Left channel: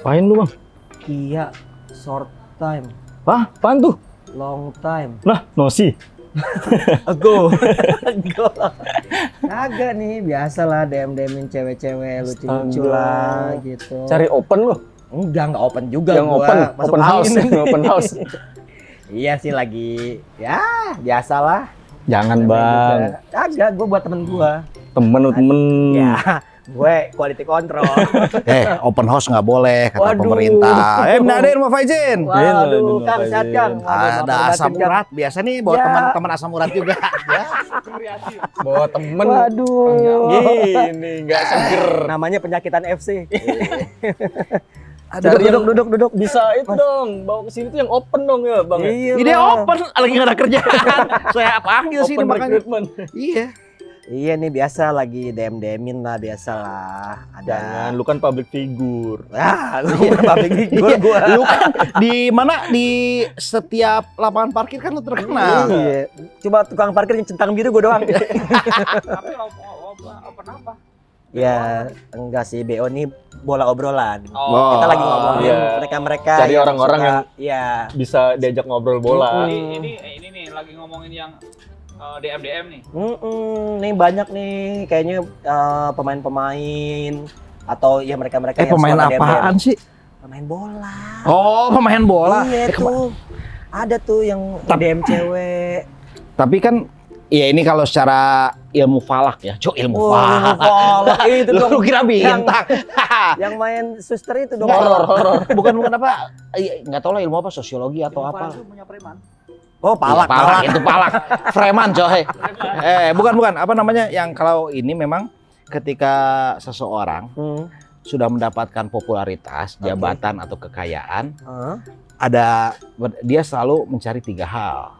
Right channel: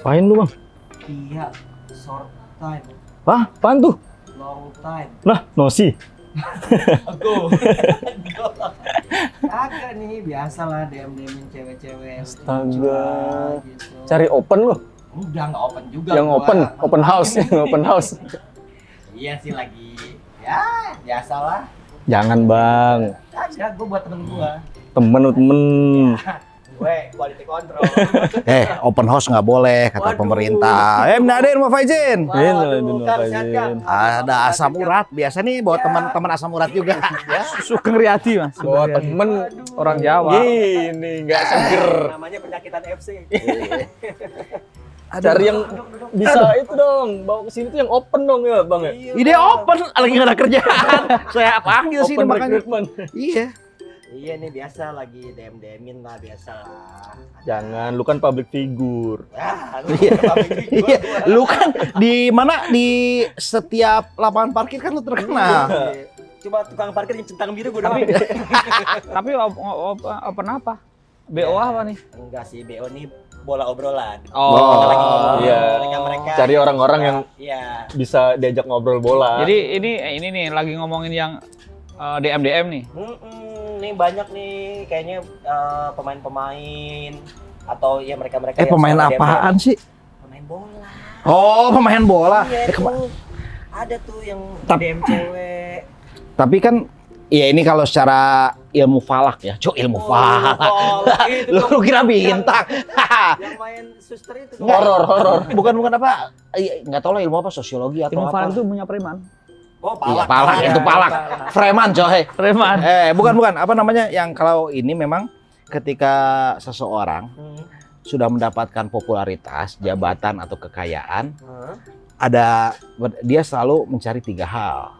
Apain lu bang? Iya, short time, Hah? Apaan tuh? long time. Lah, nosi. Ago. Kagak nih, biasalah DM-DMin cewek-cewek lucu-lucu lah gitu. Cari open lu? Enggak open juga. Yang gua. Masuk open house, angin. open house. Iya sih lagi, ya biasalah. Jangan bang, Kagak, gue buat temen gue. temen. Ya, gue quality control. Open house nggak boleh kata Waduh. pemerintah. Mnaden mau Faizin. Waduh, Kang, sehat Kang. Ada asam urat biasa nih buat Ya. teman-teman asam urat juga. Sugeng Riyadi mas. Bawa temen Waduh. orang Jawa. Ini nggak seger. Namanya penyakitan FC. Cari yang duduk. bisa itu dong, bawa ke sini tuh yang open dong ya bang. Iya, Ide Bang. open lagi nggak ada kerjaan. Saya panggil sih Open makanya. recruitment. Iya. Iya nih biasa lagi DM-DMin lah biasalah. Jangan, lu kan public figure. Ah, lu public figure Iya, gua. lu kan di mana di setiap lapangan parkir kan lu terkenal. Iya. Coba tukang parkir yang centang biru gua doang. Tapi open apa? BO Ya, apa nih? enggak sih, BO nih bola obrolan. Oh, Kita lagi ngomongin iya. mereka-mereka. Cari yang orang-orang suka- yang Iya. bisa diajak ngobrol bola. Jadi ini nih lagi ngomongin yang DM nih. Nih banyak nih kayaknya pemain-pemain atau ya mereka-mereka yang Pemain suka apaan DM. sih? Pemain bola. Oh, pemain bola. Iya Kema- tuh. Ada tuh yang Tapi- DM cewek. Tapi kan ya ini kalau secara ilmu falak ya. Ilmu falak. Itu Lu dong. kira bintang. Yang main suster itu dong. Horor. Bukan apa? Nggak tahu lah ilmu apa, sosiologi atau Ilmu apa. itu punya preman. Oh, Iya, palak. palak itu palak. Freman coy. Preman. Bukan apa namanya yang kalau ini memang ketika seseorang sudah mendapatkan popularitas, jabatan atau kekayaan, ada dia selalu mencari 3 hal.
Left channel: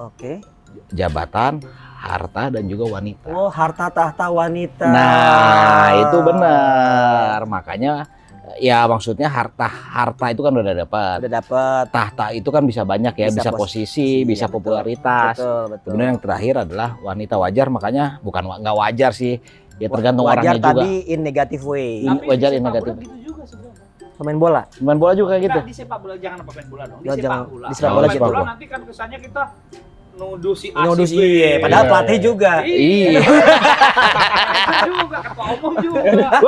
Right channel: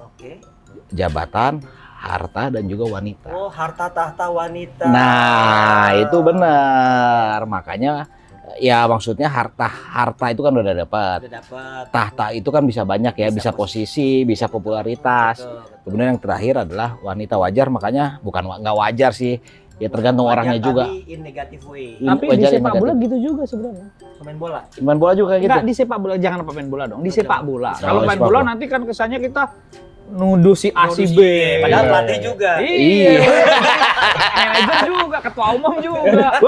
Oke. Jabatan, harta dan juga wanita. Oh, harta tahta wanita. Nah, itu benar. Makanya ya maksudnya harta itu kan udah dapat. Udah dapat. Tahta itu kan bisa banyak ya, Bisa bisa posisi, bisa Betul. popularitas. Betul. Kemudian yang terakhir adalah wanita wajar, makanya bukan nggak wajar sih. Ya tergantung Wajar orangnya juga. Tapi in negative way. Ini Tapi wajar di yang sepak bola negatif. gitu juga sebenarnya. Pemain bola. Main bola juga gitu. Enggak, di sepak bola jangan pemain bola dong. Di Oh, sepak jangan. bola. Di sepak Kalau bola, main sepak bola bola. nanti kan kesannya kita nuduh si A Modus si B. Padahal Iya. pelatih juga. Iya. Manajer juga, ketua umum juga.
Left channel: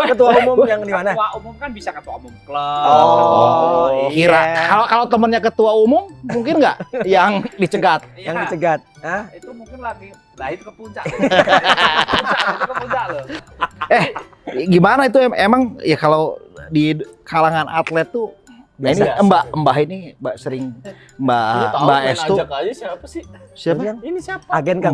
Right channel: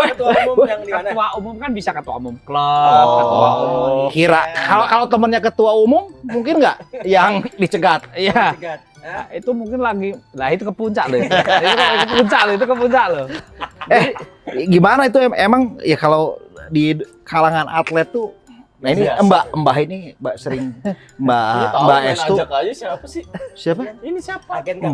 Ketua umum yang di mana? Ketua umum kan bisa ketua umum klub, Oh. ketua umum. Kira kalau temennya ketua umum mungkin nggak yang dicegat? Iya. Cegat. Hah? Itu mungkin lagi, nah itu ke puncak loh. Itu ke puncak loh. Gimana itu emang ya kalau di kalangan atlet tuh. Nah ini Biasa. Mbak ini sering Mbak Tahu, Mbak main Estu. ajak aja siapa sih? Siapa? Ini siapa? Agen kan?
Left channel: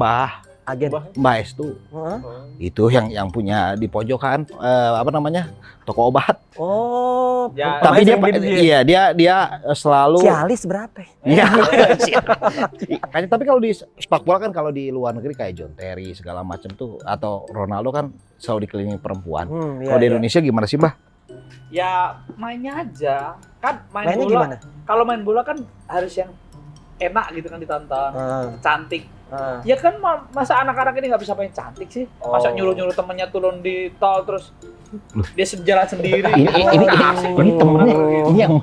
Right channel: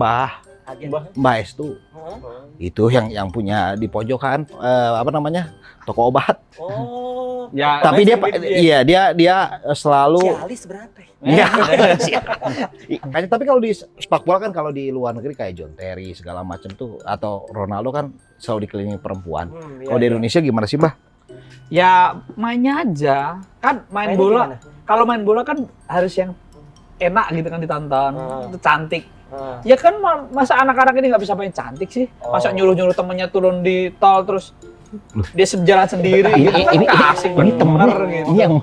Agen. Mbak Estu. Hah? Itu yang punya di pojokan apa namanya? Toko obat. Oh. Ya, Tapi dia dia selalu Cialis berapa? Iya. Makanya tapi kalau di sepak bola kan kalau di luar negeri kayak John Terry segala macam tuh atau Ronaldo kan selalu dikelilingi perempuan. Kalau di Indonesia gimana sih, Mbah? Ya mainnya aja. Kan main Mainnya bola. gimana? Kalau main bola kan harus yang enak gitu kan ditonton. Ah. Cantik. Ah. Ya kan masa anak-anak ini nggak bisa main cantik sih? Masa Oh. nyuruh-nyuruh temennya turun di tol terus dia jalan sendiri. Ini Kan asik ini temennya bener gitu. ini yang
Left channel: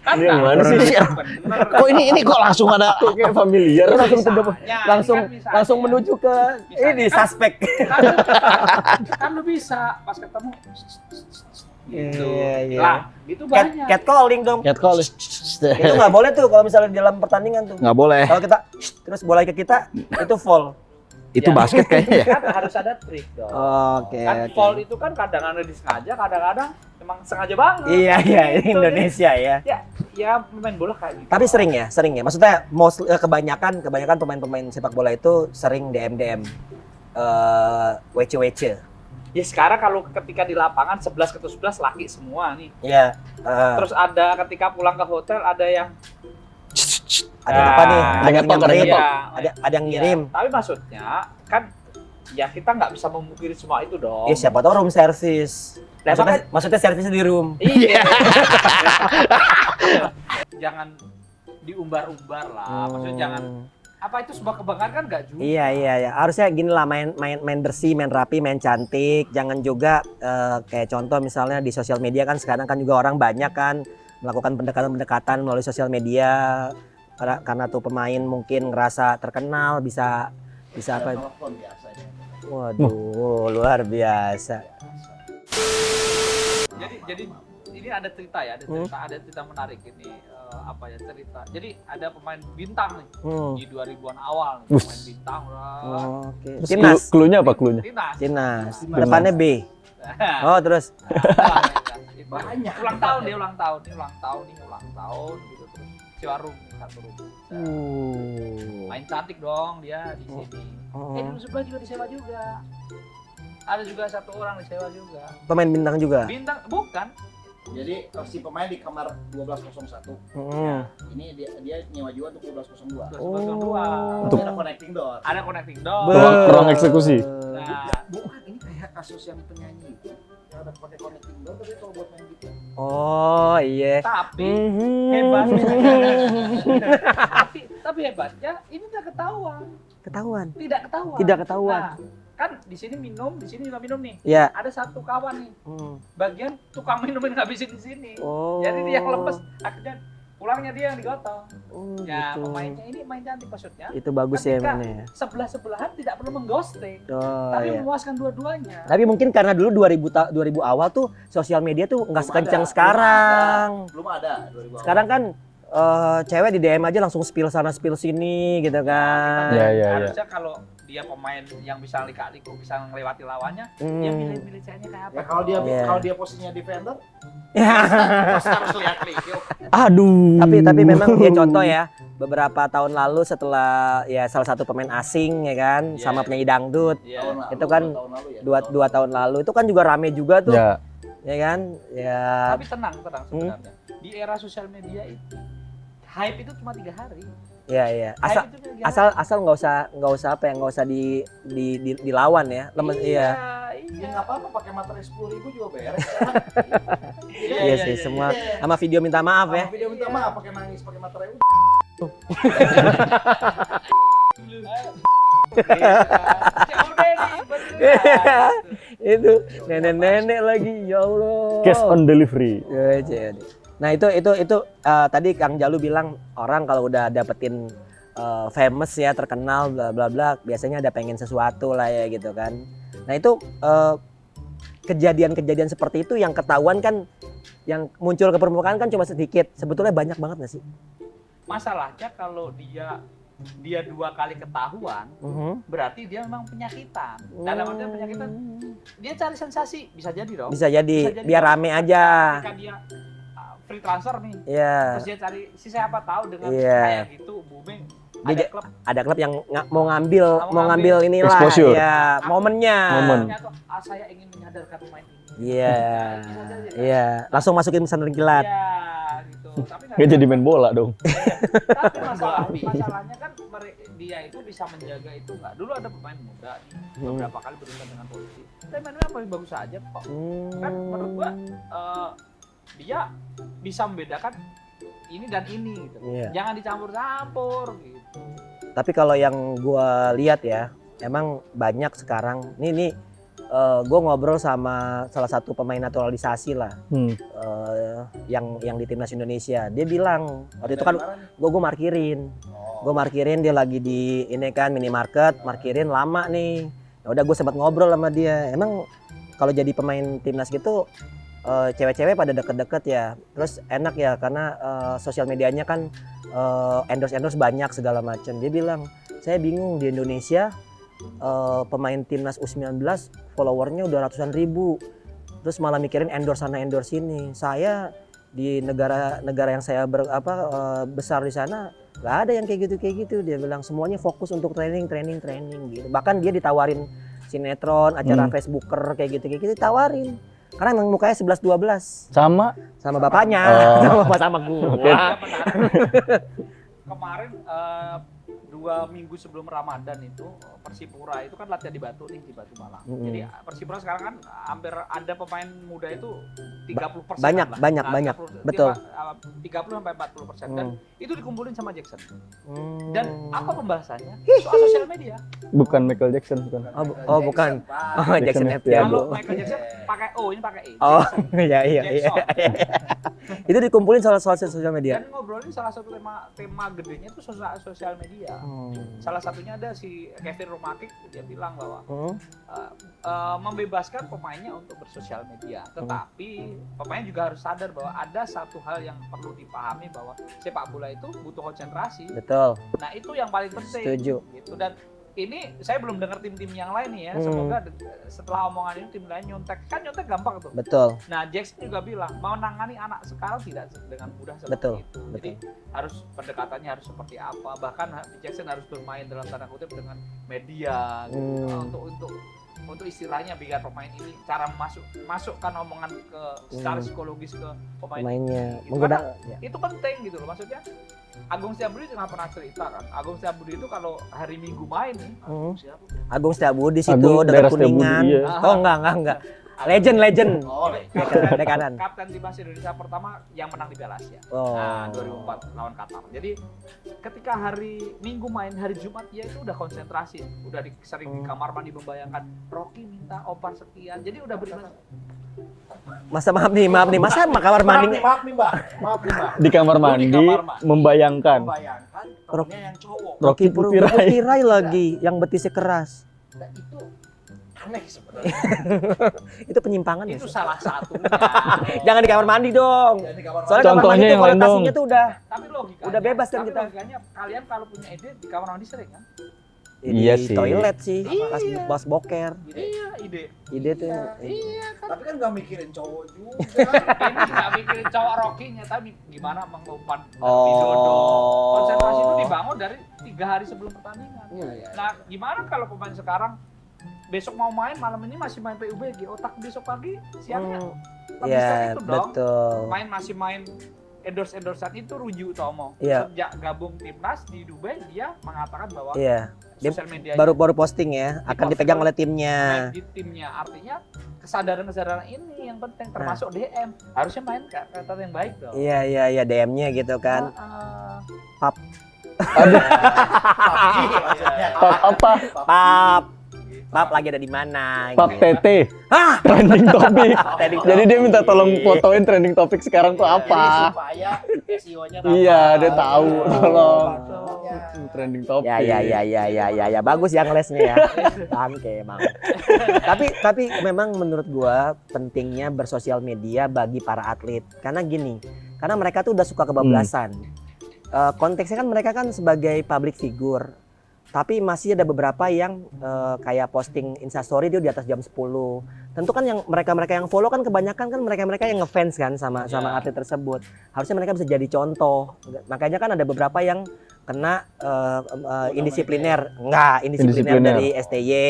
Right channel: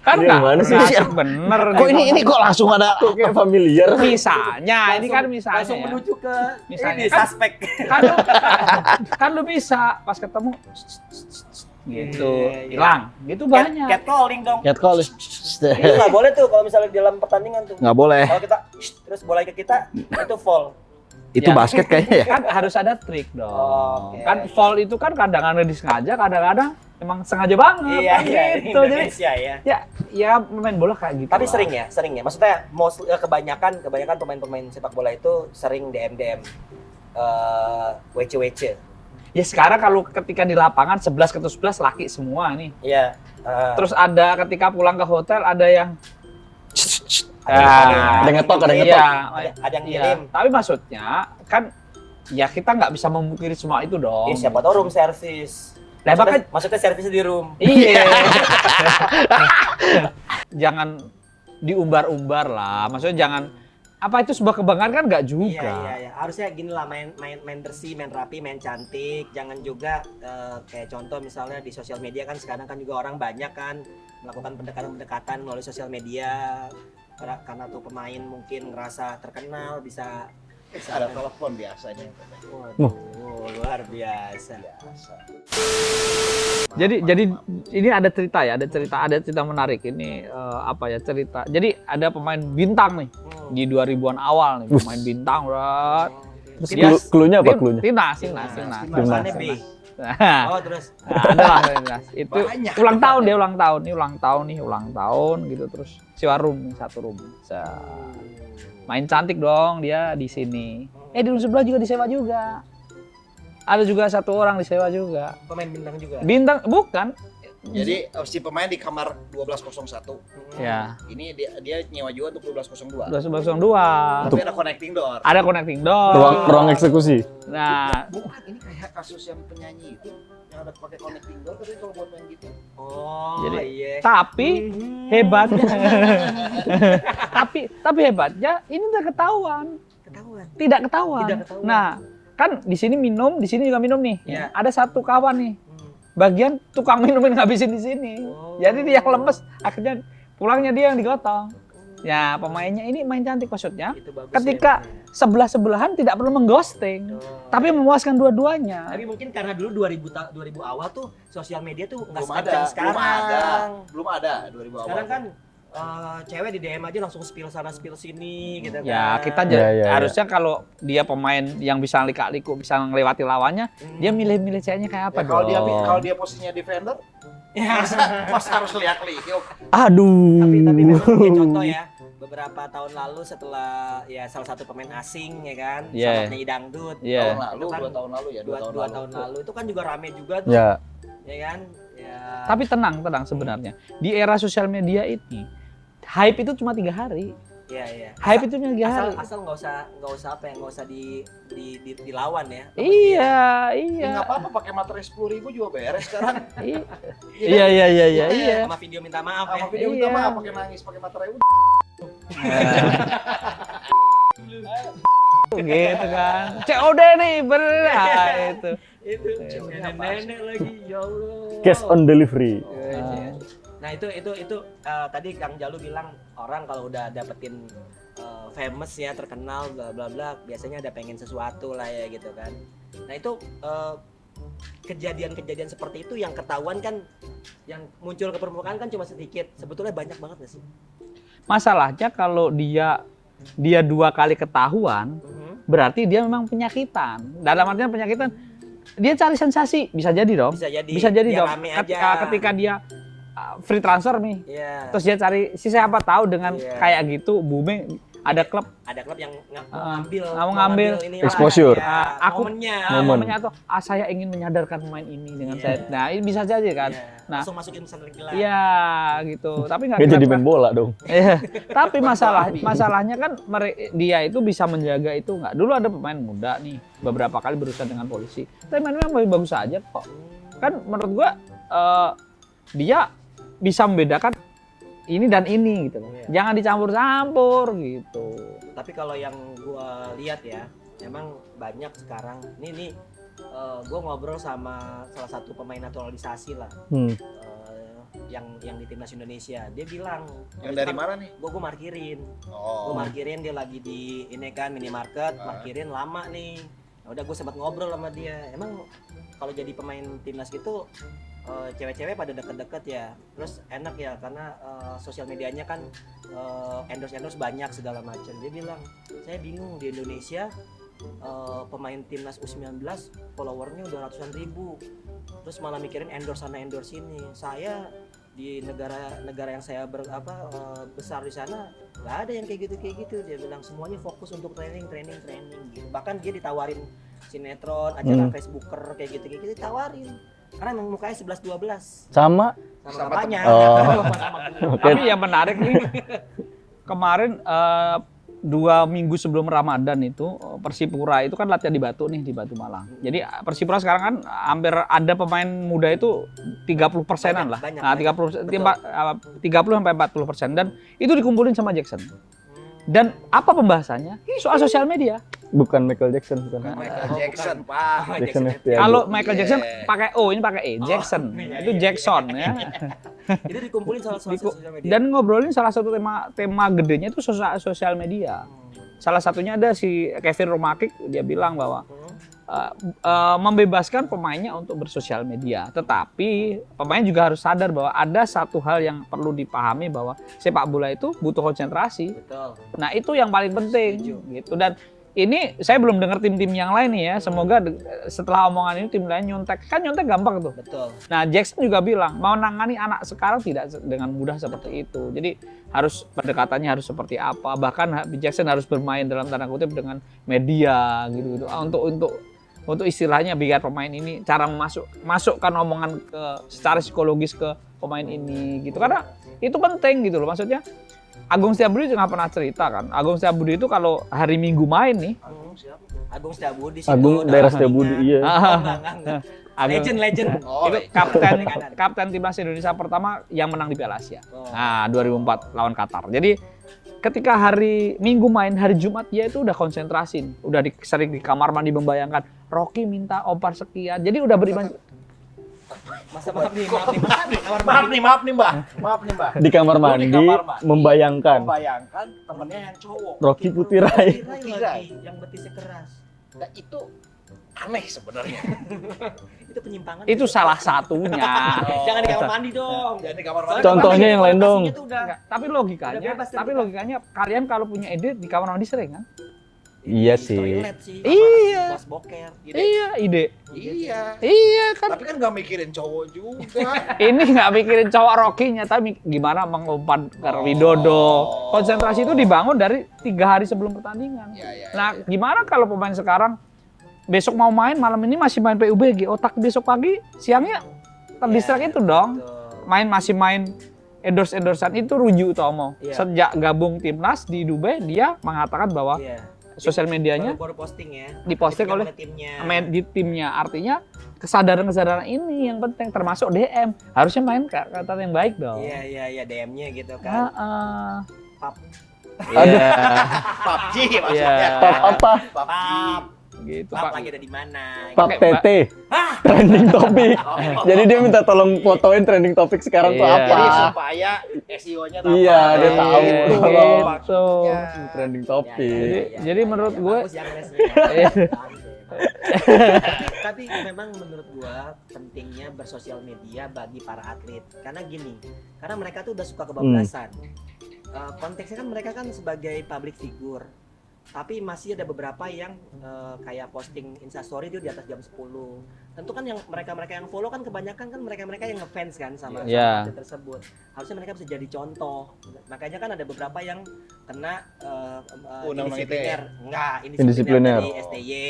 Kan Ini yang nggak mana sih? bener, bener. kok ini kok langsung ada Kok kayak familiar? Misalnya, ini kan misalnya. langsung ya. menuju ke Misalnya. ini suspek. Kan lu bisa pas ketemu gitu. Iya, iya. Hilang. Gitu banyak. Cat calling dong. catcall? Itu nggak boleh tuh kalau misalnya dalam pertandingan tuh. Nggak boleh. Kalau kita terus bola ke kita itu foul. Itu Ya. basket kayaknya ya. Kan harus ada trik dong. Oke, Kan oke. foul itu kan kadang-kadang disengaja, kadang-kadang emang sengaja banget. Iya iya ini Gitu. Indonesia ya. Ya main bola kayak gitu. Tapi sering ya. Maksudnya kebanyakan pemain-pemain sepak bola itu sering DM WC. Ya sekarang kalau ketika di lapangan 11 ketemu 11 laki semua nih. Iya. Terus ada ketika pulang ke hotel ada yang ada apa nih? Ada ngetok, ada yang ngetok. ngirim. Ada yang ngirim. Iya, tapi maksudnya kan ya kita nggak bisa memungkiri semua itu dong. Siapa tahu room service. Lah, Maksudnya servisnya di room. Iya. Jangan diumbar-umbar lah. Maksudnya jangan apa itu sebuah kebanggaan kan nggak juga. Iya. Harusnya gini lah, main bersih, main rapi, main cantik. Jangan juga kayak contoh misalnya di sosial media kan sekarang kan juga orang banyak kan melakukan pendekatan-pendekatan melalui sosial media karena tuh pemain mungkin ngerasa terkenal bisa Ada apa? telepon biasanya. Waduh, luar biasa. Jadi ini ada cerita ya, ada cerita menarik ini cerita. Jadi ada pemain bintang nih di 2000-an awal nih, pemain bintang berat. Terus Timnas. cluenya apa cluenya? Timnas. Depannya B. Oh, terus Timnas. Itu Banyak. ulang tahun ini ulang tahun gitu terus sewa room, satu room. Main cantik dong dia di sini. Di room sebelah juga disewa juga. Ada juga satu orang disewa juga. pemain bintang juga. Bintang bukan. Jadi si pemain di kamar 1201. Ya. Ini dia nyewa juga untuk 1202. 1202. Tapi ada connecting door. Ada connecting door. Ruang eksekusi. Nah, Bukan, ini kayak kasus yang penyanyi itu yang ada pakai connecting door tapi kalau buat main gitu. Oh, iya. tapi hebatnya tapi hebatnya ini udah ketahuan. Tidak ketahuan. Nah, kan di sini minum, di sini juga minum nih. Iya. Ada satu kawan nih. Bagian tukang minumin ngabisin di sini. Oh. Jadi dia yang lemes, akhirnya pulangnya dia yang digotong. Ya, pemainnya ini main cantik maksudnya. Itu bagus Ketika ya. sebelah-sebelahan tidak perlu mengghosting. Tapi memuaskan dua-duanya. Tapi mungkin karena dulu 2000 awal tuh sosial media tuh nggak Belum sekencang ada, sekarang. Belum ada 2000 awal. Sekarang kan cewek di DM aja langsung spill sana spill sini gitu kan. Ya, kita harusnya kalau dia pemain yang bisa lika-liku, bisa ngelewati lawannya, dia milih-milih ceweknya kayak apa? Ya, kalau dia dong? kalau dia posisinya defender, pasti harus lihat liuk. Aduh. tapi memang dia contoh ya, beberapa tahun lalu setelah ya salah satu pemain asing ya kan Iya, sama iya. penyanyi dangdut. Iya. Itu kan 2 tahun lalu ya. Dua tahun lalu itu kan juga rame juga tuh. Ya. Ya kan? Ya. Tapi tenang sebenarnya. Di era sosial media ini, hype itu cuma 3 hari. Iya. Hype itu cuma 3 hari. Asal nggak usah nggak usah dilawan ya. Lemes, Iya. Enggak apa-apa pakai materai 10.000 juga beres sekarang. Iya. Sama video minta maaf ya. Sama video minta Iya. maaf pakai nangis pakai materai udah. Gitu kan. COD nih berat. Itu nenek-nenek lagi ya Allah. Cash on delivery. Nah itu tadi Kang Jalu bilang orang kalau udah dapetin famous ya terkenal bla bla bla biasanya ada pengen sesuatu lah ya gitu kan. Nah itu kejadian-kejadian seperti itu yang ketahuan kan yang muncul ke permukaan kan cuma sedikit, sebetulnya banyak banget nggak sih? Masalahnya kalau dia 2 kali ketahuan, berarti dia memang penyakitan. Dalam artian penyakitan, dia cari sensasi, bisa jadi dong. Bisa jadi biar dong. rame aja. Ketika dia free transfer nih, Iya. terus dia cari, siapa tahu dengan Iya. kayak gitu booming, ada klub Ada klub yang mau ngambil inilah Exposure. ya, momennya. atau saya ingin menyadarkan pemain ini. Iya. Nah, ini bisa jadi kan. Iya. Nah, Langsung masukin pesantren kilat. Iya, gitu. Tapi Nggak jadi main bola dong. Tapi masalahnya kan dia itu bisa menjaga itu nggak. Dulu ada pemain muda nih, beberapa kali berurusan dengan polisi. Tapi mainnya masih bagus aja kok. Kan menurut gua dia bisa membedakan ini dan ini gitu. Iya. Jangan dicampur-campur gitu. Tapi kalau yang gua lihat ya, emang banyak sekarang. Nih gua ngobrol sama salah satu pemain naturalisasi lah, yang di timnas Indonesia. Dia bilang waktu itu kan gua markirin. Gua markirin dia lagi di ini kan minimarket, markirin lama nih. Ya udah gue sempat ngobrol sama dia. Emang kalau jadi pemain timnas gitu cewek-cewek pada deket-deket ya, terus enak ya karena sosial medianya kan endorse banyak segala macam. Dia bilang saya bingung di Indonesia pemain timnas U19 followernya udah ratusan ribu, terus malah mikirin endorse sana endorse sini. Saya di negara yang saya besar di sana nggak ada yang kayak gitu. Dia bilang semuanya fokus untuk training gitu. Bahkan dia ditawarin sinetron, acara Facebooker kayak gitu ditawarin. Karena emang mukanya 11-12 Sama bapaknya, sama gue. Oke. Tapi yang menarik nih, kemarin 2 minggu sebelum Ramadan itu Persipura itu kan latihan di Batu nih, di Batu Malang. Jadi Persipura sekarang kan hampir ada pemain muda itu 30% lah. Banyak. 30 sampai 40% dan itu dikumpulin sama Jackson. Dan apa pembahasannya? Soal sosial media. Bukan Michael Jackson, bukan. Oh, bukan. Oh, Jackson Jackson FTL. Kalau Michael Jackson pakai O, ini pakai E. Jackson. Iya. Jackson. Ya. Itu dikumpulin soal sosial media. Dan ngobrolin salah satu tema gedenya itu sosial media. Salah satunya ada si Kevin Romakik, dia bilang bahwa membebaskan pemainnya untuk bersosial media. Tetapi pemain juga harus sadar bahwa ada satu hal yang perlu dipahami bahwa sepak bola itu butuh konsentrasi. Betul. Nah itu yang paling penting. Setuju. Gitu. Dan ini saya belum dengar tim-tim yang lain nih ya. Semoga setelah omongan ini tim lain nyontek. Kan nyontek gampang tuh. Betul. Nah Jackson juga bilang mau menangani anak sekarang tidak dengan mudah seperti Betul. itu. Jadi harus pendekatannya harus seperti apa. Bahkan Jackson harus bermain dalam tanda kutip dengan media gitu. Untuk istilahnya biar pemain ini cara masukkan omongan ke secara psikologis ke pemain ini gitu. Karena itu penting gitu loh. Maksudnya Agung Setiabudi juga pernah cerita kan. Agung Setiabudi itu kalau hari Minggu main nih. Agung Setiabudi situ. Agung daerah Setiabudi, iya. Oh enggak. Legend. Itu kapten timnas Indonesia pertama yang menang di Piala Asia. Nah, 2004 lawan Qatar. Jadi ketika hari Minggu main, hari Jumat dia itu udah konsentrasi. Udah sering di kamar mandi membayangkan Rocky minta ompar sekian. Jadi udah beriman. Masa maaf nih, masa kamar mandi. Maaf nih, Mbak. Di kamar mandi, membayangkan temennya yang cowok. Rocky Putirai. Putirai lagi yang betisnya keras. Nah, itu aneh sebenarnya. Itu penyimpangan. Itu salah satunya. Jangan di kamar mandi dong. Jangan di kamar Soalnya Contohnya kamar mandi yang lain dong. konotasinya tuh udah Tapi logikanya, Udah bebas kan kita. logikanya kalian kalau punya ide di kamar mandi sering kan? Iya di sih. toilet sih. Iya. Pas boker. Iya, ide. Ide tuh. Iya kan. Tapi kan nggak mikirin cowok juga. Ini nggak mikirin cowok Rocky-nya, tapi gimana mengumpan Widodo. Konsentrasi itu dibangun dari 3 hari sebelum pertandingan. Iya. Nah, gimana kalau pemain sekarang besok mau main, malam ini masih main PUBG, otak besok pagi, siangnya terdistrak itu dong. Betul. Masih main endorse-endorsean itu Ruju Utomo. Iya. Sejak gabung timnas di Dubai, dia mengatakan bahwa Iya. sosial medianya Baru posting ya. Akan Diposting dipegang oleh oleh timnya. main di timnya. Artinya kesadaran ini yang penting, termasuk DM. Harusnya main kata yang baik dong. Iya DM-nya gitu kan. Pap. Aduh, PUBG maksudnya. pap apa? Pap. Gitu. Pap lagi ada di mana? Pap gitu. TT. Trending topik. Jadi dia minta tolong fotoin trending topik sekarang tuh Iya. apa? Jadi supaya SEO-nya Iya, dia tahu. Tolong. Gitu. Trending topik. Ya, menurut gua- bagus ya ngelesnya ya. Bangke emang. tapi memang menurut gua pentingnya bersosial media bagi para atlet. Karena gini, karena mereka tuh udah suka kebablasan. Konteksnya kan mereka kan sebagai public figure. Tapi masih ada beberapa yang kayak posting Instastory dia di atas jam 10. Tentu kan yang mereka yang follow kan kebanyakan kan mereka yang ngefans kan sama atlet tersebut. Harusnya mereka bisa jadi contoh. Makanya kan ada beberapa yang kena indisipliner. Indisipliner dari STY.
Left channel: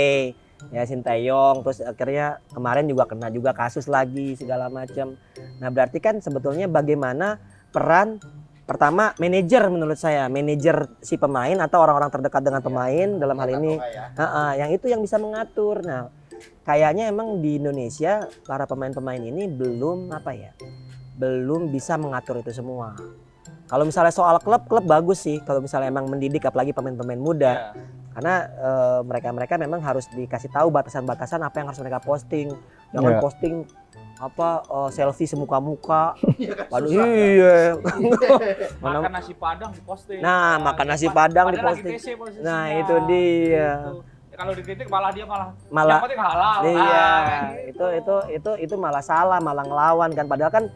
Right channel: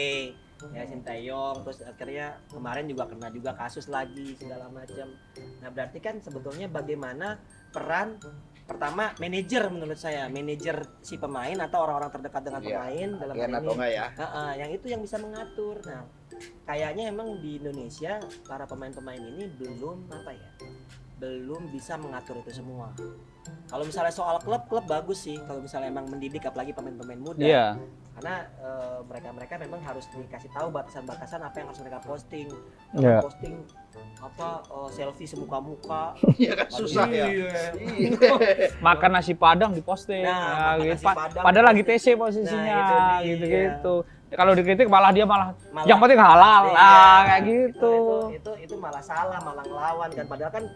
Ya Sintayong, terus akhirnya kemarin juga kena juga kasus lagi segala macam. Nah, berarti kan sebetulnya bagaimana peran pertama manajer menurut saya, manajer si pemain atau orang-orang terdekat dengan pemain dalam hal ini. Yang itu yang bisa mengatur. Nah, kayaknya emang di Indonesia para pemain-pemain ini belum bisa mengatur itu semua. Kalau misalnya soal klub bagus sih. Kalau misalnya emang mendidik apalagi pemain-pemain muda. Iya. Karena mereka memang harus dikasih tahu batasan-batasan apa yang harus mereka posting. Jangan posting selfie semuka-muka. Iya. Makan nasi Padang diposting. Nah, makan nasi Padang. Padahal lagi TC posisinya. Nah, itu dia. Gitu. Kalau dikritik dia malah Malah- yang penting halal. Iya, Kayak gitu. Itu malah salah, malah ngelawan kan. Padahal kan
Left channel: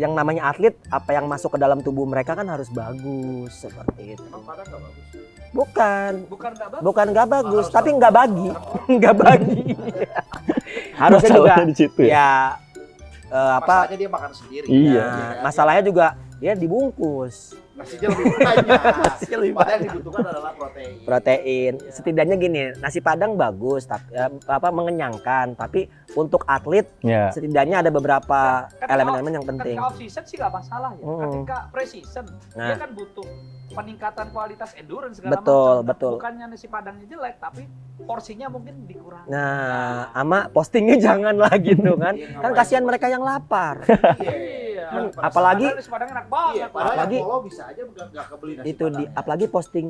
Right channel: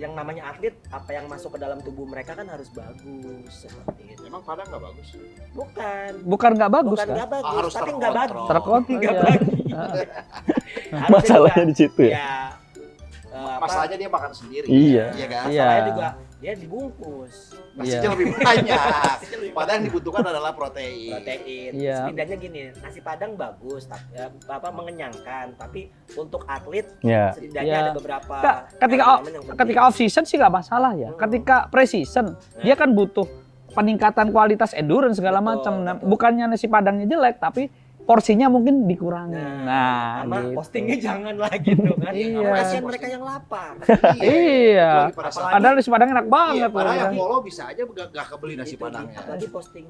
yang namanya atlet, apa yang masuk ke dalam tubuh mereka kan harus bagus seperti itu. Emang Padang nggak bagus? Bukan nggak bagus. Nggak bagus, Harus tapi nggak bagi. Terkontrol. Nggak bagi. Harusnya Masalahnya juga, di situ ya. Masalahnya dia makan sendiri. Iya. kan? Masalahnya Iya. juga ya dibungkus Nasinya lebih banyak. Padahal yang dibutuhkan adalah protein. protein. Iya. Setidaknya gini, nasi Padang bagus, tapi mengenyangkan. Tapi untuk atlet Ya. setidaknya Iya. ada beberapa Ketika elemen yang penting. ketika off season sih nggak masalah ya. Ketika pre season dia kan butuh peningkatan kualitas endurance segala Betul, macam. Nah, betul. bukannya nasi padangnya jelek, tapi porsinya mungkin dikurangi. Sama gitu. postingnya jangan lah gitu kan. Iya. Kan kasihan mereka yang lapar. Iya. Apalagi- Padahal nasi padang enak banget. Padahal yang Apalagi- follow bisa aja nggak kebeli nasi Itu padang. apalagi posting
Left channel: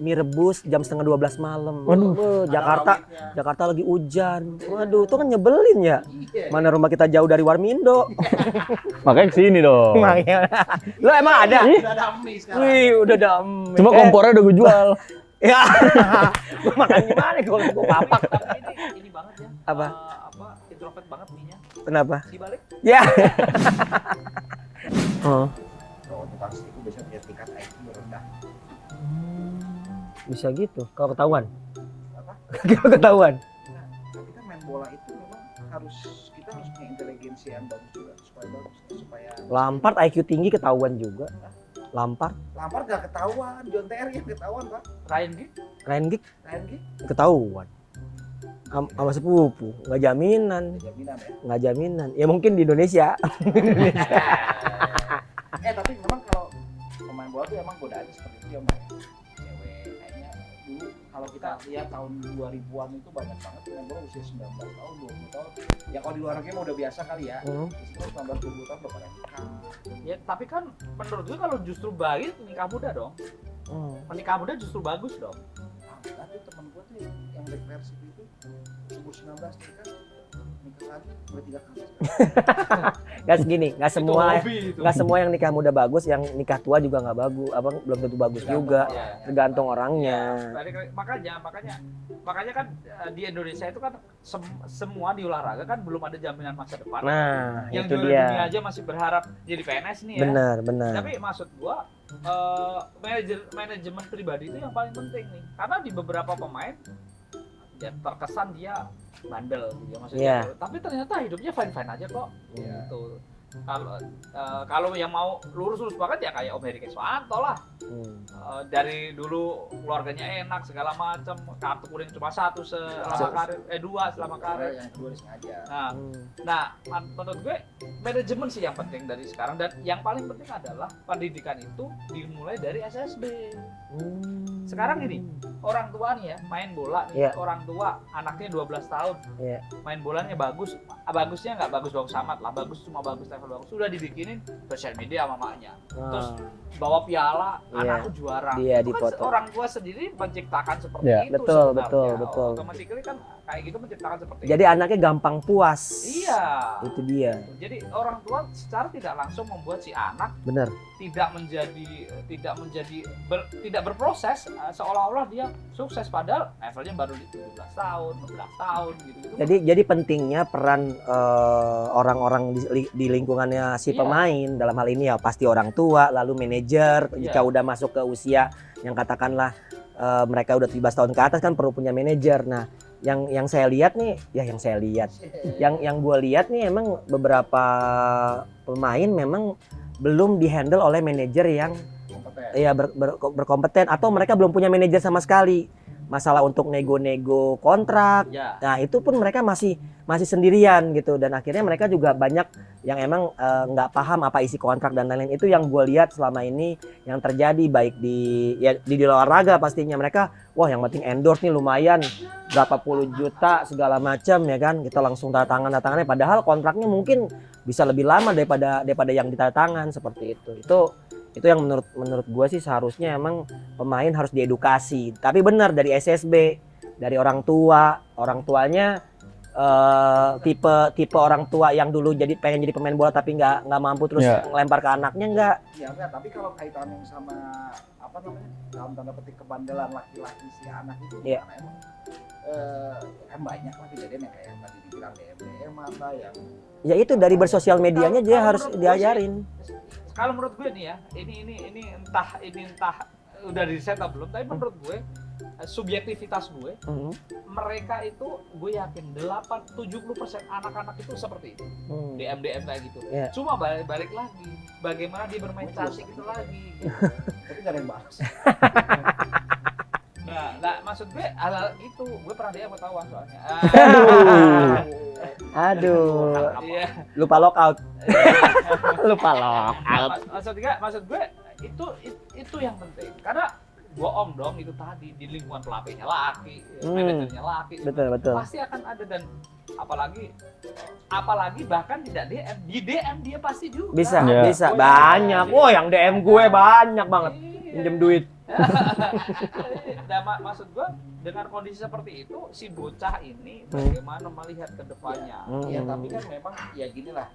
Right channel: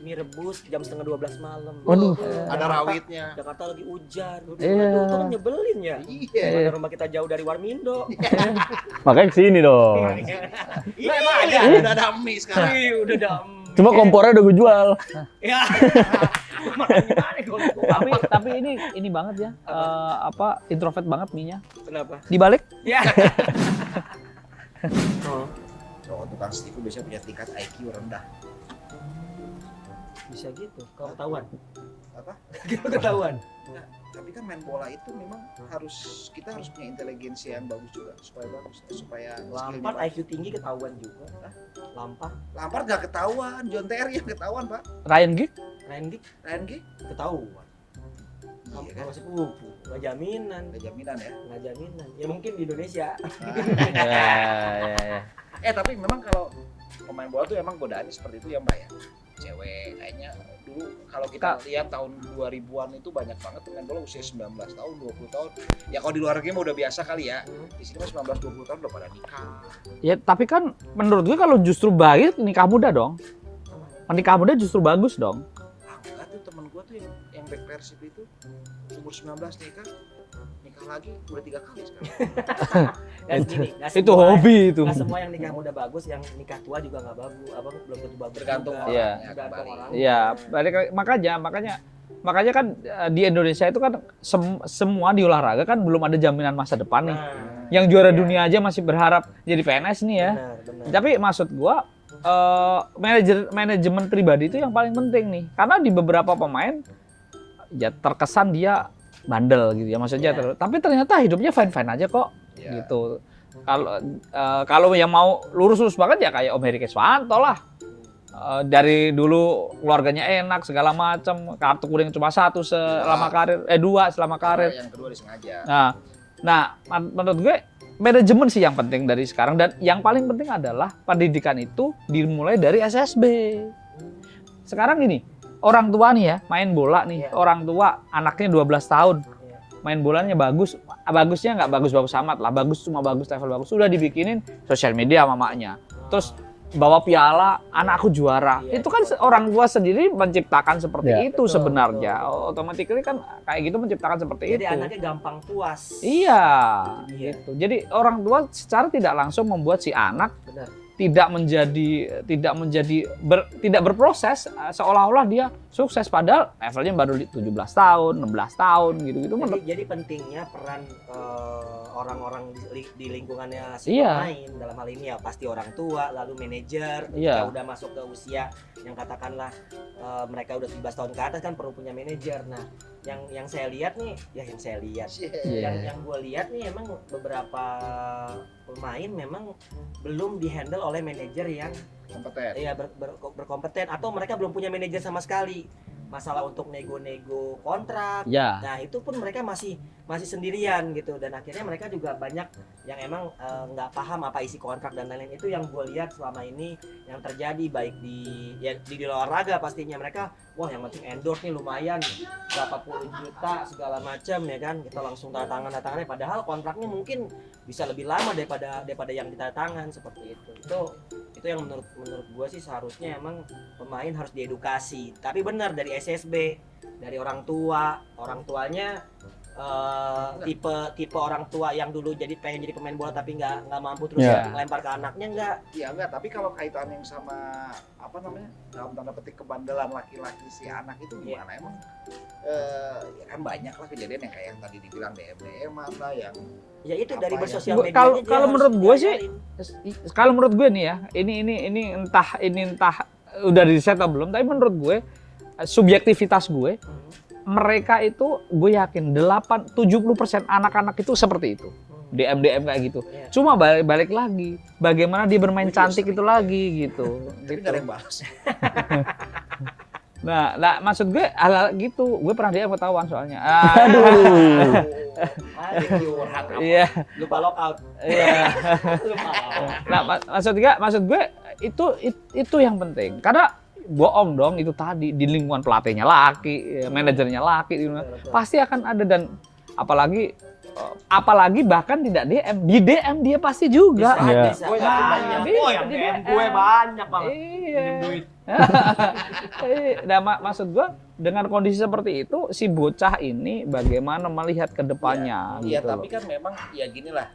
mie rebus jam 11:30 malam. Waduh. Ada Jakarta rawitnya. Jakarta lagi hujan. Iya. Waduh, itu kan nyebelin ya. Iya. Mana rumah kita jauh dari Warmindo. Makanya kesini dong. Lo emang ada? Udah ada mie sekarang. Wih, udah damai. Cuma kompornya udah gue jual. Ya. Gua makan gimana kalau gua Tapi ini banget ya. Apa? Introvert banget mie-nya. Kenapa? Dibalik Ya. Oh, Oh, tukang seafood biasanya punya tingkat IQ rendah. bisa gitu. Kalau ketahuan. Apa? Kalau ketahuan. Nah, tapi kan main bola itu memang kita harus punya inteligensi yang bagus juga supaya Lampard IQ tinggi ketahuan juga. Lampard, nggak ketahuan, John Terry yang ketahuan Pak. Ryan Giggs. Ryan Giggs Ryan Giggs ketahuan. Sama sepupu, nggak jaminan. ada jaminan ya. Nggak jaminan. Ya mungkin di Indonesia. Tapi memang kalau pemain bola tuh emang godaannya seperti itu ya Mbak ya. Cewek kayaknya dulu kalau kita lihat tahun 2000-an itu banyak banget pemain bola usia 19 tahun, 20 tahun. Ya kalau di luar negeri mah udah biasa kali ya. Di sini 19-20 tahun udah pada nikah. Ya tapi kan menurut gue kalau justru baik nikah muda dong. Nikah muda justru bagus dong. Enggak tuh temen gua tuh yang back Persib itu umur 19 nikah lagi udah 3 kali sekarang. Kan gini, nggak Itu semua. hobi itu. Nggak semua yang nikah muda bagus, yang nikah tua juga nggak bagus. Abang belum tentu bagus juga. Iya. Tergantung orangnya. Iya, makanya kan di Indonesia itu kan semua di olahraga kan belum ada jaminan masa depan. Nah, yang itu juara dia. dunia aja masih berharap jadi PNS nih ya. Benar. Tapi maksud gua manajemen pribadi itu yang paling penting nih. Karena di beberapa pemain ya terkesan dia bandel gitu ya maksudnya. Iya. Tapi ternyata hidupnya fine-fine aja kok. Iya. Gitu. Kalau yang mau lurus-lurus banget ya kayak Om Heri Keswanto lah. Dari dulu keluarganya enak segala macam, kartu kuning cuma 1 selama karir, 2 selama karir. Yang kedua disengaja. Nah, menurut gue manajemen sih yang penting dari sekarang, dan yang paling penting adalah pendidikan itu dimulai dari SSB. Sekarang gini, orang tua nih ya main bola nih, Iya. orang tua anaknya 12 tahun, Iya. main bolanya bagusnya nggak bagus-bagus amat lah, cuma bagus level bagus, sudah dibikinin sosial media sama maknya. Terus bawa piala, anakku juara. Iya, Itu kan dipoto. orang tua sendiri menciptakan seperti Iya. itu Betul, sebenarnya. betul. Otomatis kan kayak gitu menciptakan seperti itu. Jadi anaknya gampang puas. Iya. Itu dia. Gitu. Jadi orang tua secara tidak langsung membuat si anak Bener. tidak berproses seolah-olah dia sukses, padahal levelnya baru 17 tahun, 16 tahun gitu-gitu. Jadi pentingnya peran orang-orang di lingkungannya si Iya. pemain, dalam hal ini ya pasti orang tua, lalu manajer. Iya. Jika udah masuk ke usia yang katakanlah mereka udah 17 tahun ke atas kan perlu punya manajer. Nah, yang saya lihat nih, yang gue lihat nih emang beberapa pemain memang belum dihandle oleh manajer yang Kompeten. ya berkompeten, atau mereka belum punya manajer sama sekali. Masalah untuk nego-nego kontrak. Ya. Nah, itu pun mereka masih sendirian gitu, dan akhirnya mereka juga banyak yang emang nggak paham apa isi kontrak dan lain-lain. Itu yang gue lihat selama ini yang terjadi, baik di olahraga pastinya. Mereka wah yang penting endorse nih lumayan berapa puluh juta segala macam ya kan, kita langsung tanda tangannya, padahal kontraknya mungkin bisa lebih lama daripada yang ditanda tangan seperti itu. Itu yang menurut gue sih seharusnya emang pemain harus diedukasi. Tapi benar dari SSB, dari orang tuanya tipe orang tua yang dulu pengen jadi pemain bola tapi nggak mampu, terus lempar ke anaknya enggak. Iya enggak, tapi kalau kaitannya sama apa namanya dalam tanda petik kebandelan laki-laki si anak itu Iya. gimana emang? Kan banyak lah kejadian yang kayak yang tadi dibilang DM apa yang Ya itu dari Apa bersosial ya? medianya Kalau dia harus menurut gue sih, diajarin. Kalau menurut gue nih ya, ini entah udah di-set atau belum, tapi menurut gue subjektivitas gue, mereka itu gue yakin 70% anak-anak itu seperti itu. DM kayak gitu. Iya. Cuma balik lagi, bagaimana dia bermain cantik itu lagi gitu. jadi nggak ada yang balas. Nah, maksud gue hal gitu, gue pernah DM ketahuan soalnya. Aduh. Iya. Lupa lockout. Lupa lockout. Maksud gue itu yang penting. Karena bohong dong itu tadi di lingkungan pelatihnya laki, manajernya laki, Betul. pasti akan ada. Dan apalagi bahkan tidak DM, di DM dia pasti juga. Bisa banyak. Yang DM gue banyak banget. Pinjem duit. Nah, maksud gue dengan kondisi seperti itu si bocah ini bagaimana melihat ke depannya. Iya, tapi kan memang ya gini lah.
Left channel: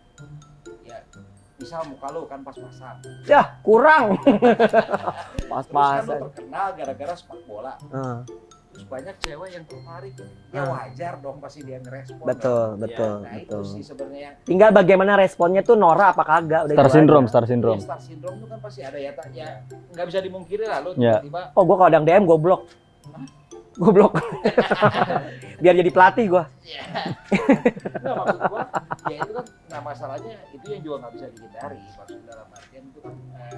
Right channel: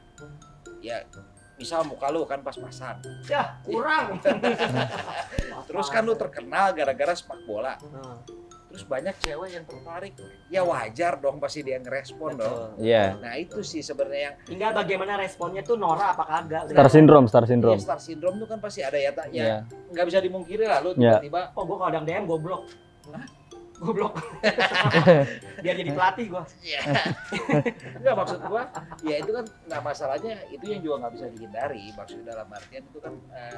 Ya misal muka lu kan pas-pasan. Ya, kurang. Terus kan lu terkenal gara-gara sepak bola. Terus banyak cewek yang tertarik. Ya wajar dong pasti dia ngerespon. Betul. Iya. Nah, itu sih sebenarnya yang Tinggal bagaimana responnya tuh Nora apa kagak. Star syndrome. star syndrome tuh kan pasti ada ya, Iya. nggak bisa dimungkiri lah lu Iya. tiba-tiba Oh, gue kalau ada yang DM gue blok. Gue blok. Biar jadi pelatih gue. nggak maksud gua ya itu kan nggak masalahnya itu yang juga nggak bisa dihindari maksud dalam artian itu kan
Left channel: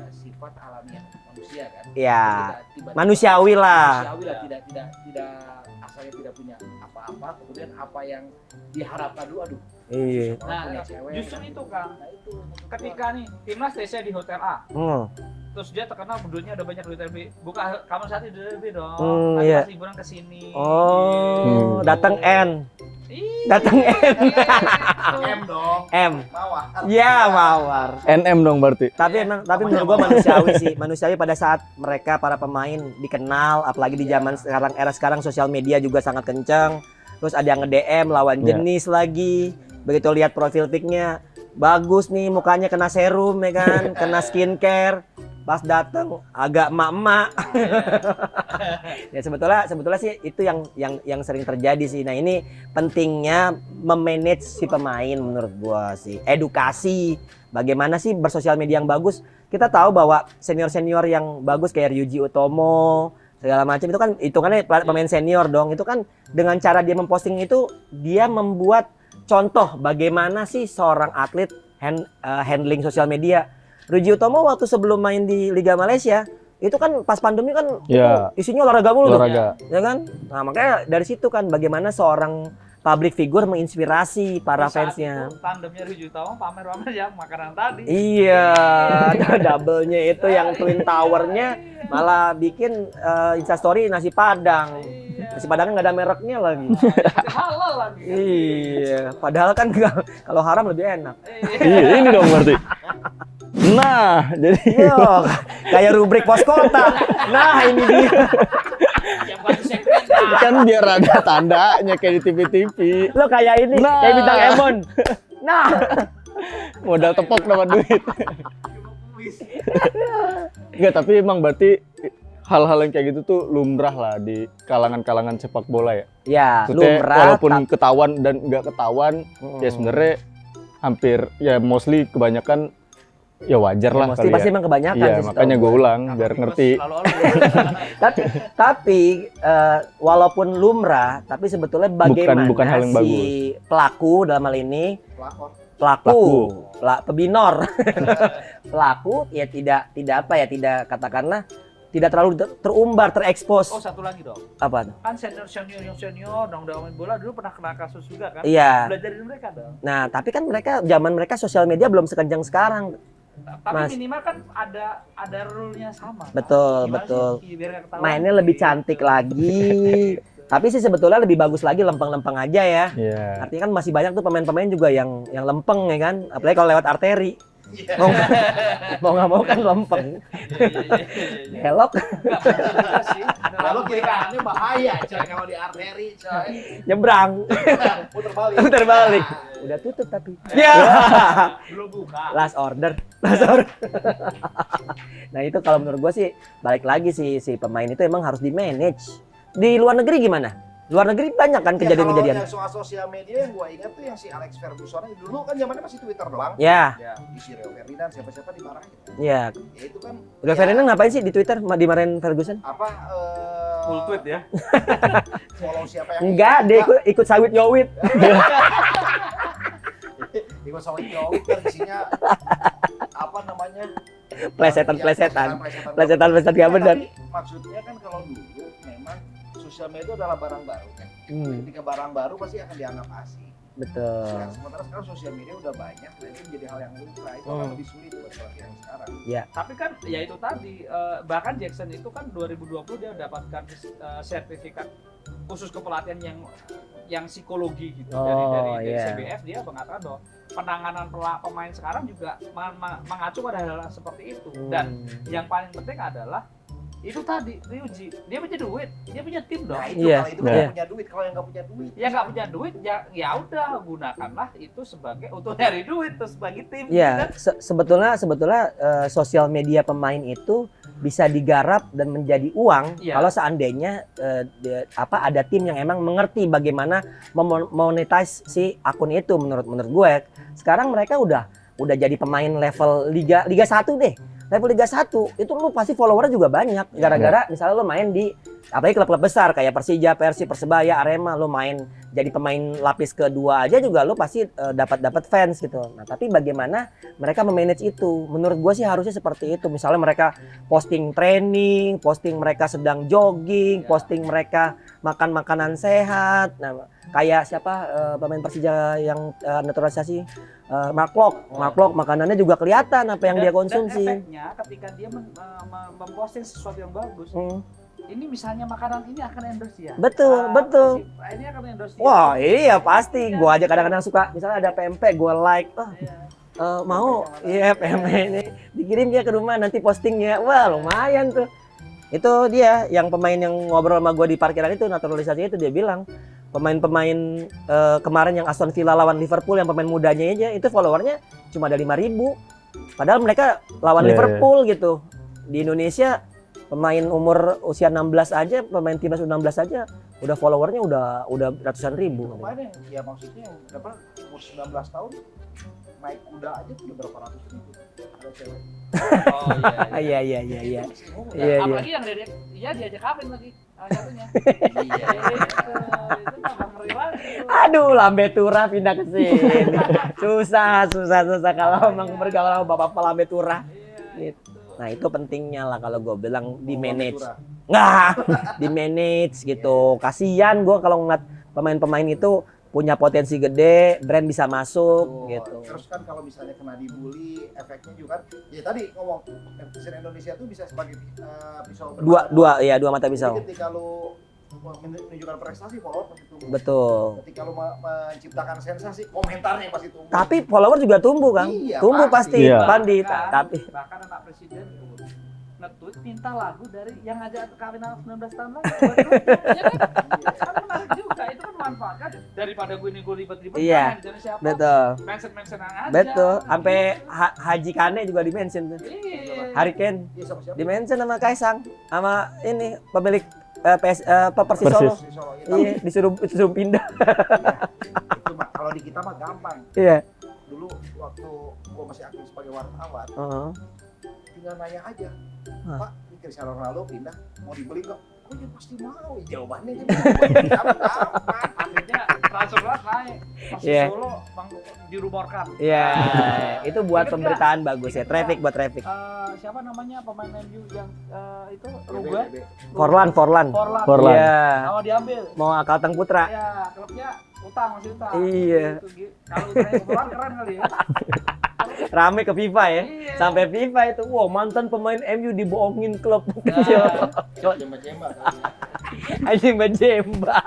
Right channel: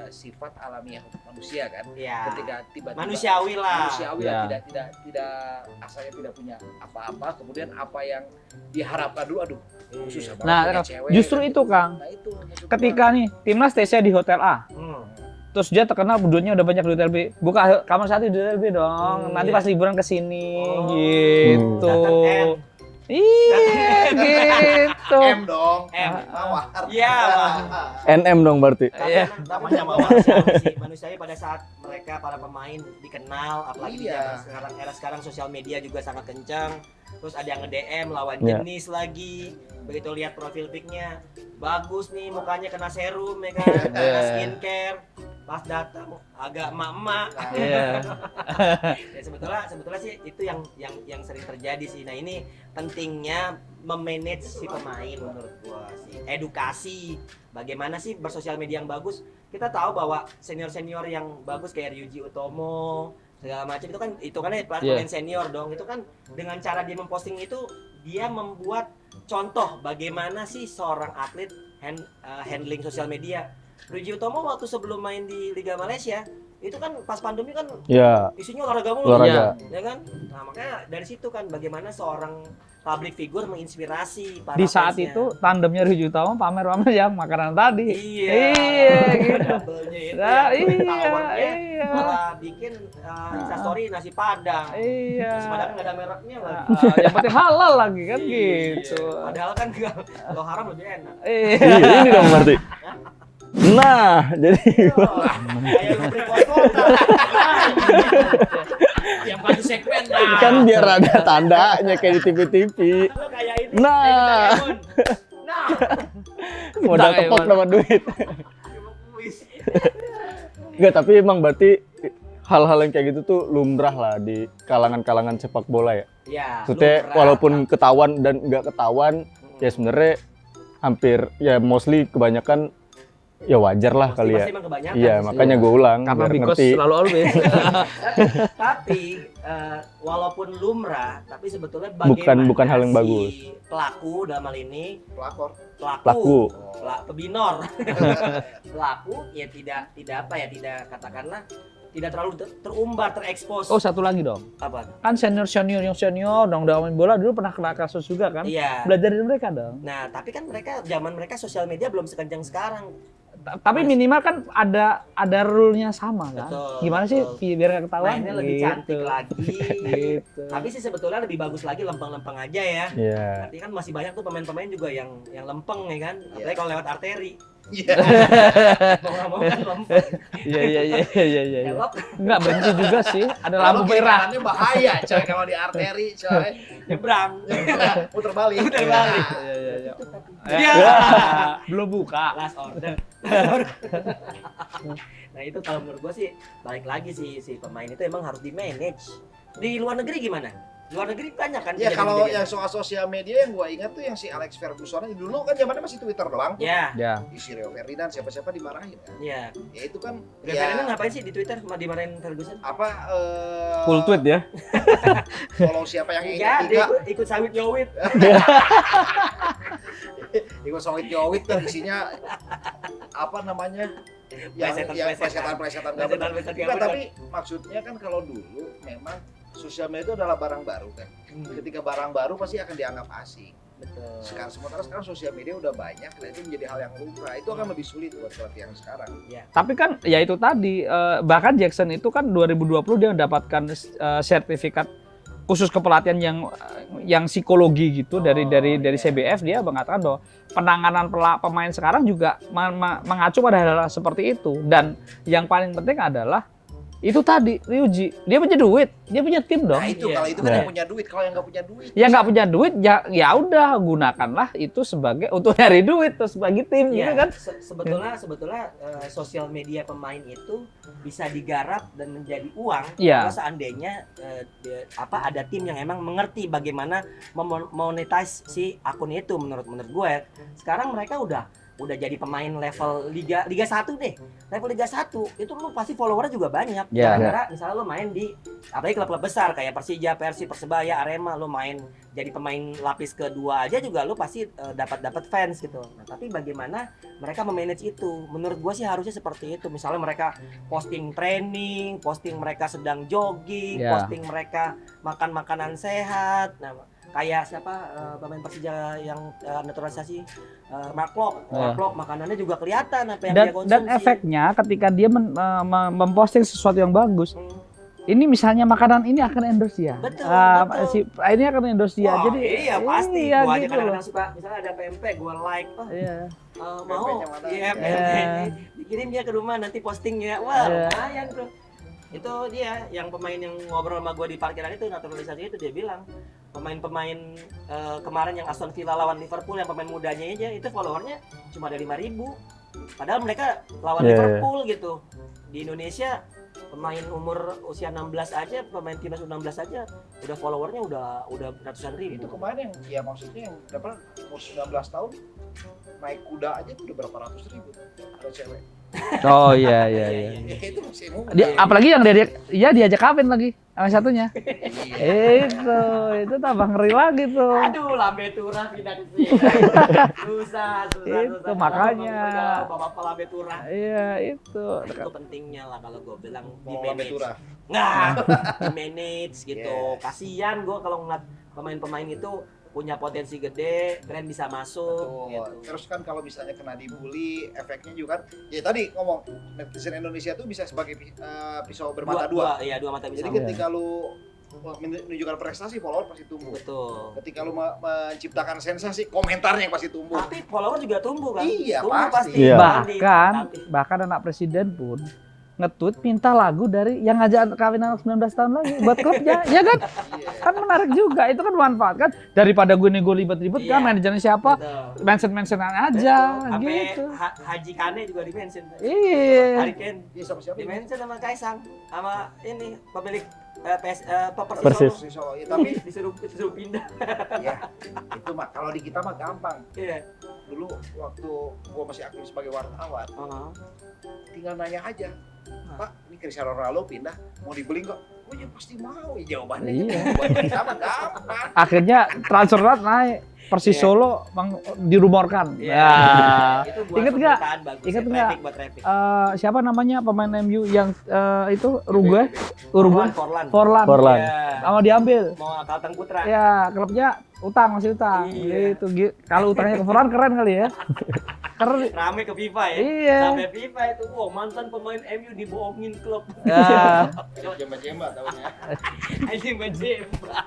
sifat alamiah manusia kan. Iya. Ketika tiba-tiba Manusiawi lah. manusiawi lah, Ya. tidak asalnya tidak punya apa-apa kemudian apa yang diharapkan dulu aduh Iya. susah banget Nah, punya cewek. justru itu Kang. Nah, itu maksud gua. Ketika nih timnas TC di hotel A, terus dia terkenal duitnya udah banyak di hotel B, buka kamar satu di hotel B dong. Nanti iya. pas liburan ke sini. Oh, gitu. datang N. Iya, Datang gitu. M dong M. mawar Iya, mawar. NM dong berarti. Tapi Iya. tapi menurut gue manusiawi sih. Manusiawi pada saat mereka para pemain dikenal, apalagi di Iya. zaman sekarang, era sekarang sosial media juga sangat kencang. Terus ada yang nge-DM lawan Iya. jenis lagi. Begitu lihat profil pic-nya, bagus nih mukanya kena serum ya kan, kena skincare. Pas datang agak emak-emak. Ya sebetulnya sih itu yang sering terjadi sih. Nah, ini pentingnya memanage si pemain menurut gua sih. Edukasi bagaimana sih bersosial media yang bagus. Kita tahu bahwa senior-senior yang bagus kayak Ryuji Utomo segala macam itu kan hitungannya pemain senior dong. Itu kan dengan cara dia memposting itu dia membuat contoh bagaimana sih seorang atlet handling sosial media. Ryuji Utomo waktu sebelum main di Liga Malaysia itu kan pas pandemi kan Ya, isinya olahraga mulu, olahraga. ya kan? Nah makanya dari situ kan bagaimana seorang public figure menginspirasi para Di saat fansnya. itu tandemnya Ryuji Utomo pamer-pamer ya makanan tadi. Iya, double-nya itu yang Twin Tower-nya Iya. malah bikin instastory nasi padang. Iya. Nasi padangnya nggak ada mereknya lagi. Yang penting halal lagi kan Iya, gitu. padahal kan kalau haram lebih enak. Iya, ini dong berarti. Nah, jadi Iya, kayak rubrik pos kota. Nah, ini dia. yang satu segmen kan biar ada tandanya kayak di TV-TV. Lo kayak ini, Nah. kayak bintang Emon. Nah, Modal tepok dapat duit. Enggak, tapi emang berarti hal-hal yang kayak gitu tuh lumrah lah di kalangan-kalangan sepak bola ya. ya, Maksudnya lumrah, walaupun ketahuan dan nggak ketahuan, ya sebenarnya hampir ya mostly kebanyakan ya wajar lah kali pasti ya. emang kebanyakan. Iya, sih makanya gue ulang Karena biar Bigos ngerti. selalu tapi walaupun lumrah, tapi sebetulnya bagaimana Bukan hal yang si bagus. pelaku dalam hal ini pelakor pelaku. Pebinor pelaku ya tidak apa ya, tidak katakanlah tidak terlalu terumbar, terekspos. Oh, satu lagi dong. Apa? Kan senior yang senior dong udah main bola dulu pernah kena kasus juga kan? Iya. Belajar dari mereka dong. Nah, tapi kan zaman mereka sosial media belum sekencang sekarang. Tapi Mas. minimal kan ada rule-nya sama. Kan? Betul, Gimana betul. sih biar nggak ketahuan? Mainnya lebih gitu. cantik lagi. Gitu. Tapi sih sebetulnya lebih bagus lagi lempeng-lempeng aja ya. Iya. Artinya kan masih banyak tuh pemain-pemain juga yang lempeng ya kan. Apalagi kalau lewat arteri. Mau nggak mau kan lempeng. Iya. Helok Enggak begitu juga sih. Ada kalau lampu merah. kiraannya bahaya coy kalau di arteri coy nyebrang. putar balik Putar balik. Udah tutup tapi. Iya. Belum buka. Last order. Nah itu kalau menurut gua sih balik lagi si pemain itu emang harus di manage. Di luar negeri gimana? Luar negeri banyak kan ya kalau kejadian-kejadian. yang soal sosial media yang gua ingat tuh yang si Alex Ferguson dulu kan zamannya masih Twitter doang Ya, Ya. si Rio Ferdinand siapa-siapa dimarahin kan ya. ya itu kan Rio ya, Ferdinand ngapain sih di Twitter dimarahin Ferguson? apa Full tweet ya. follow siapa yang Enggak, dia ikut sawit nyowit. ikut solid jowit kan isinya apa namanya Plesetan-plesetan. plesetan Gak benar. tapi maksudnya kan kalau dulu memang sosial media itu adalah barang baru kan ketika barang baru pasti akan dianggap asing Betul. Sementara sekarang sosial media udah banyak, dan ini menjadi hal yang lumrah. Itu akan lebih sulit buat pelatih yang sekarang. Tapi kan ya itu tadi, bahkan Jackson itu kan 2020 dia mendapatkan sertifikat khusus kepelatihan yang psikologi gitu dari CBF. Dia mengatakan bahwa penanganan pemain sekarang juga mengacu pada hal seperti itu. Dan yang paling penting adalah itu tadi, Ryuji, dia punya duit, dia punya tim dong. Nah itu, kalau itu kan yang punya duit, kalau yang nggak punya duit. Ya nggak punya duit, ya udah gunakanlah itu sebagai untuk nyari duit terus bagi tim. Ya, kan? sebetulnya sosial media pemain itu bisa digarap dan menjadi uang kalau seandainya ada tim yang emang mengerti bagaimana memonetize si akun itu. Menurut gue, sekarang mereka udah jadi pemain level Liga 1 deh. Level Liga 1 itu lu pasti followernya juga banyak. Gara-gara misalnya lu main di apalagi klub-klub besar kayak Persija, Persib, Persebaya, Arema, lu main jadi pemain lapis kedua aja juga lu pasti dapat fans gitu. Nah, tapi bagaimana mereka memanage itu? Menurut gua sih harusnya seperti itu. Misalnya mereka posting training, posting mereka sedang jogging, posting mereka makan makanan sehat. Nah, kayak siapa pemain Persija yang naturalisasi Mark Locke makanannya juga kelihatan apa yang dia konsumsi. Dan efeknya ketika dia memposting sesuatu yang bagus, ini misalnya makanan ini akan endorse ya. Betul. Ini akan endorse ya. Wah, jadi, iya pasti. Gua aja gitu. kadang-kadang suka, misalnya ada PMP, gua like. Mau? Iya, PMP ini. Dikirim dia ke rumah nanti postingnya. Wah, lumayan tuh. Itu dia yang pemain yang ngobrol sama gua di parkiran itu, naturalisasinya itu dia bilang pemain-pemain kemarin yang Aston Villa lawan Liverpool yang pemain mudanya aja itu followernya cuma ada 5.000. Padahal mereka lawan Liverpool gitu. Di Indonesia pemain umur usia 16 aja, pemain timnas 16 aja udah followernya udah ratusan ribu. Itu kemarin ya maksudnya yang berapa umur 19 tahun naik kuda aja udah berapa ratus ribu ada cewek. Oh iya. Apalagi yang dia diajak kawin lagi sama satunya. itu tambah ngeri lagi tuh. Aduh, Lambe Tura pindah ke sini. susah kalau emang bergaul bapak Lambe Tura. Iya, itu. Nah, itu pentingnya lah kalau gue bilang di manage. Di manage gitu. Kasihan gue kalau ngeliat pemain-pemain itu punya potensi gede, brand bisa masuk gitu. Terus kan kalau misalnya kena dibully, efeknya juga kan ya tadi ngomong netizen Indonesia tuh bisa sebagai pisau bermata dua mata pisau. Jadi ketika lu menunjukkan prestasi, follower pasti tumbuh. Betul. Ketika lu menciptakan sensasi, komentarnya pasti tumbuh. Tapi follower juga tumbuh kan? Iya, tumbuh pasti. Iya. Bahkan anak presiden pun nge-tweet minta lagu dari yang ngajak kawin anak 19 tahun lagi buat klubnya, ya kan? Kan menarik juga, itu kan manfaat kan, daripada gue ribet-ribet kan manajernya siapa, mention-mentionan aja. Betul, sampai gitu. Haji Kane juga di-mention. Iya. Hari Ken di-mention sama Kaisang, sama ini pemilik Persis Solo. Tapi disuruh pindah. Iya. Itu kalau di kita mah gampang. Iya. Dulu waktu gua masih aktif sebagai wartawan, tinggal nanya aja, Pak, ini Cristiano Ronaldo pindah, mau dibeli nggak? Oh ya pasti mau, jawabannya. Akhirnya transfer naik, Persis Solo dirumorkan. Iya. Itu buat pemberitaan bagus ya, buat traffic. Siapa namanya pemain MU yang itu Uruguay? Forlan. Mau diambil. Mau Kalteng Putra. Ya, klubnya masih utang. Iya. Itu kalau utangnya ke Forlan keren kali ya. Rame ke FIFA ya. Iya. Sampai FIFA itu, mantan pemain MU dibohongin klub. Jemba-jemba tahunya. Anjing Jemba.